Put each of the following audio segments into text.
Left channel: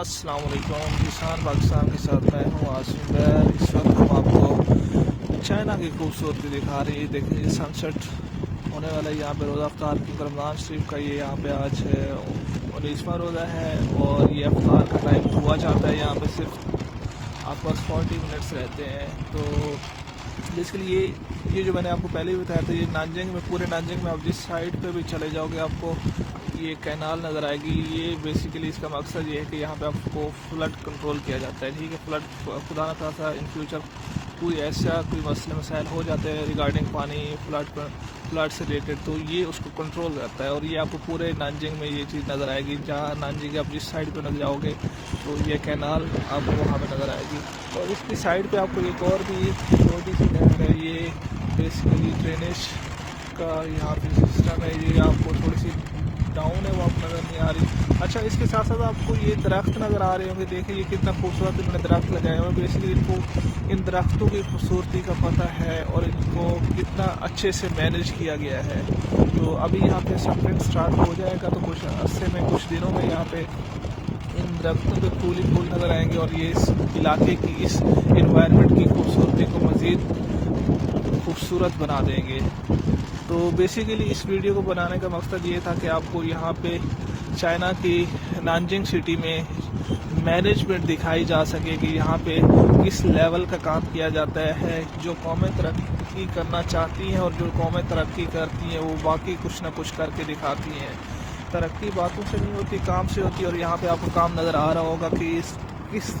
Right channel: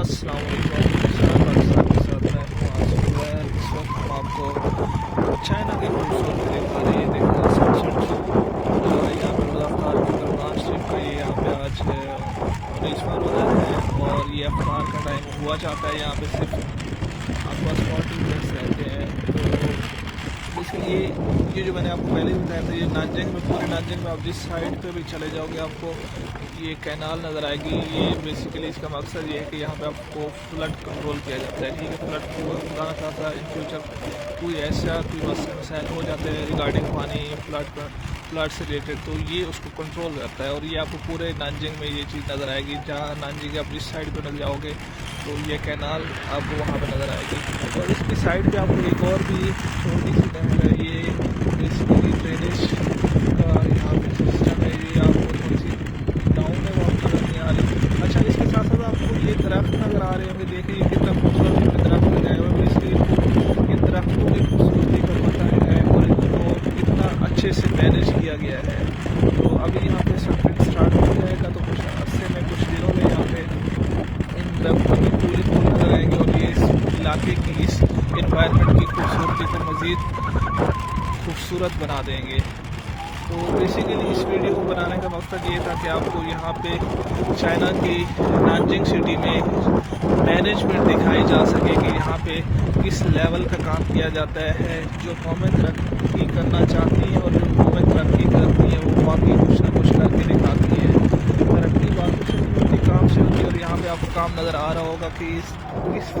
अस्सलाम वालेकुम। किसान पाकिस्तान के साथ मैं हूँ आसिफ। इस वक्त हम आपको चाइना की खूबसूरती दिखा रहे हैं। देखो सनसेट होने वाला है यहाँ पर रोज़ा अफ्तार की रमज़ान शरीफ का। ये यहाँ पे आज 19वां रोज़ा है और ये अफ्तार का टाइम हुआ जाता है। यहाँ पे सिर्फ आपके पास 40 मिनट्स रहते हैं। तो इसलिए ये जो मैंने आपको पहले भी बताया था, ये नानजिंग में, पूरे नानजिंग में आप जिस साइड पे भी चले जाओगे आपको ये कैनाल नज़र आएगी। ये बेसिकली इसका मकसद ये है कि यहाँ पे आपको फ्लड कंट्रोल किया जाता है। ठीक है, फ्लड खुदा न खासा इन फ्यूचर कोई मसले मसाइल हो जाते हैं रिगार्डिंग पानी फ्लड से रिलेटेड, तो ये उसको कंट्रोल करता है। और ये आपको पूरे नानजिंग में ये चीज़ नज़र आएगी। जहाँ नानजिंग आप जिस साइड पर नजर जाओगे तो ये कैनाल आपको वहाँ पर नज़र आएगी। और इसकी साइड पे आपको एक और भी छोटी सी नहर है। ये बेसिकली ड्रेनेज का यहाँ पे सिस्टम है। ये आपको थोड़ी सी डाउन है, वो आप नज़र नहीं आ रही। अच्छा, इसके साथ साथ आपको ये दरख्त नज़र आ रहे होंगे। देखिए ये कितना खूबसूरत इन्होंने दरख्त लगाए हुए हैं। बेसिकली इनको इन दरख्तों की खूबसूरती का पता है और इनको कितना अच्छे से मैनेज किया गया है। तो अभी यहाँ पे सनसेट स्टार्ट हो जाएगा तो कुछ अरसे में, कुछ दिनों में यहाँ पे इन दरख्तों में फूल ही फूल नज़र आएंगे और ये इस इलाके की, इस इन्वायरमेंट की खूबसूरती को मज़ीद खूबसूरत बना देंगे। तो बेसिकली इस वीडियो को बनाने का मकसद ये था कि आपको यहाँ पे चाइना की नानजिंग सिटी में मैनेजमेंट दिखाई जा सके कि यहाँ पे किस लेवल का काम किया जाता है। जो कौमें तरक्की करना चाहती हैं और जो कौमें तरक्की करती हैं वो बाकी कुछ ना कुछ करके दिखाती हैं। तरक्की बातों से नहीं होती, काम से होती है। और यहाँ पे आपको काम नज़र आ रहा होगा कि इस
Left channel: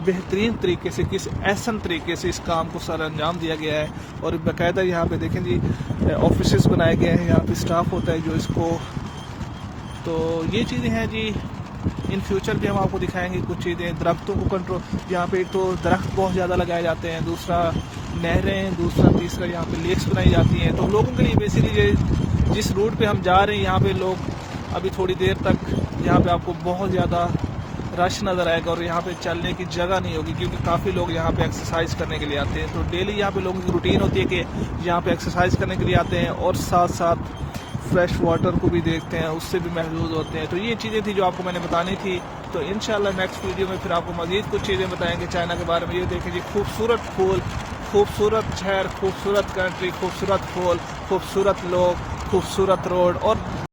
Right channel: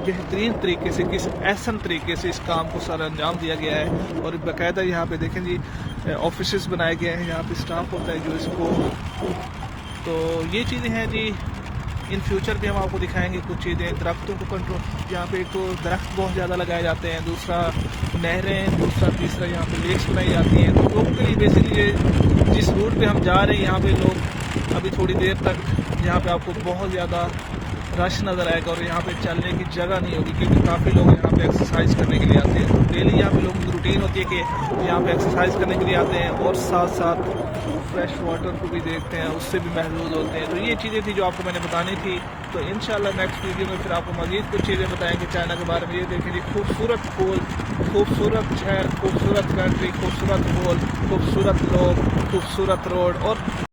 बेहतरीन तरीके से, किस एहसन तरीके से इस काम को सर अंजाम दिया गया है। और बाकायदा यहाँ पे देखें जी ऑफिसेस बनाए गए हैं, यहाँ पे स्टाफ होता है जो इसको, तो ये चीज़ें हैं जी। इन फ्यूचर भी हम आपको दिखाएंगे कुछ चीज़ें। दरख्तों को कंट्रोल, यहाँ पे एक तो दरख्त बहुत ज़्यादा लगाए जाते हैं, दूसरा नहरें, दूसरा तीसरा यहाँ पे लेक्स बनाई जाती हैं। तो लोगों के लिए बेसिकली जिस रूट पे हम जा रहे हैं यहाँ पे लोग अभी थोड़ी देर तक यहाँ पे आपको बहुत ज़्यादा रश नज़र आएगा और यहाँ पे चलने की जगह नहीं होगी क्योंकि काफ़ी लोग यहाँ पे एक्सरसाइज करने के लिए आते हैं। तो डेली यहाँ पे लोगों की रूटीन होती है कि यहाँ पे एक्सरसाइज करने के लिए आते हैं और साथ साथ फ्रेश वाटर को भी देखते हैं, उससे भी महसूस होते हैं। तो ये चीज़ें थी जो आपको मैंने बतानी थी। तो इंशाल्लाह नेक्स्ट वीडियो में फिर आपको मज़ीद कुछ चीज़ें बताएंगे चाइना के बारे में। ये देखें जी, खूबसूरत फूल, खूबसूरत शहर, खूबसूरत कंट्री, खूबसूरत फूल, खूबसूरत लोग, खूबसूरत रोड और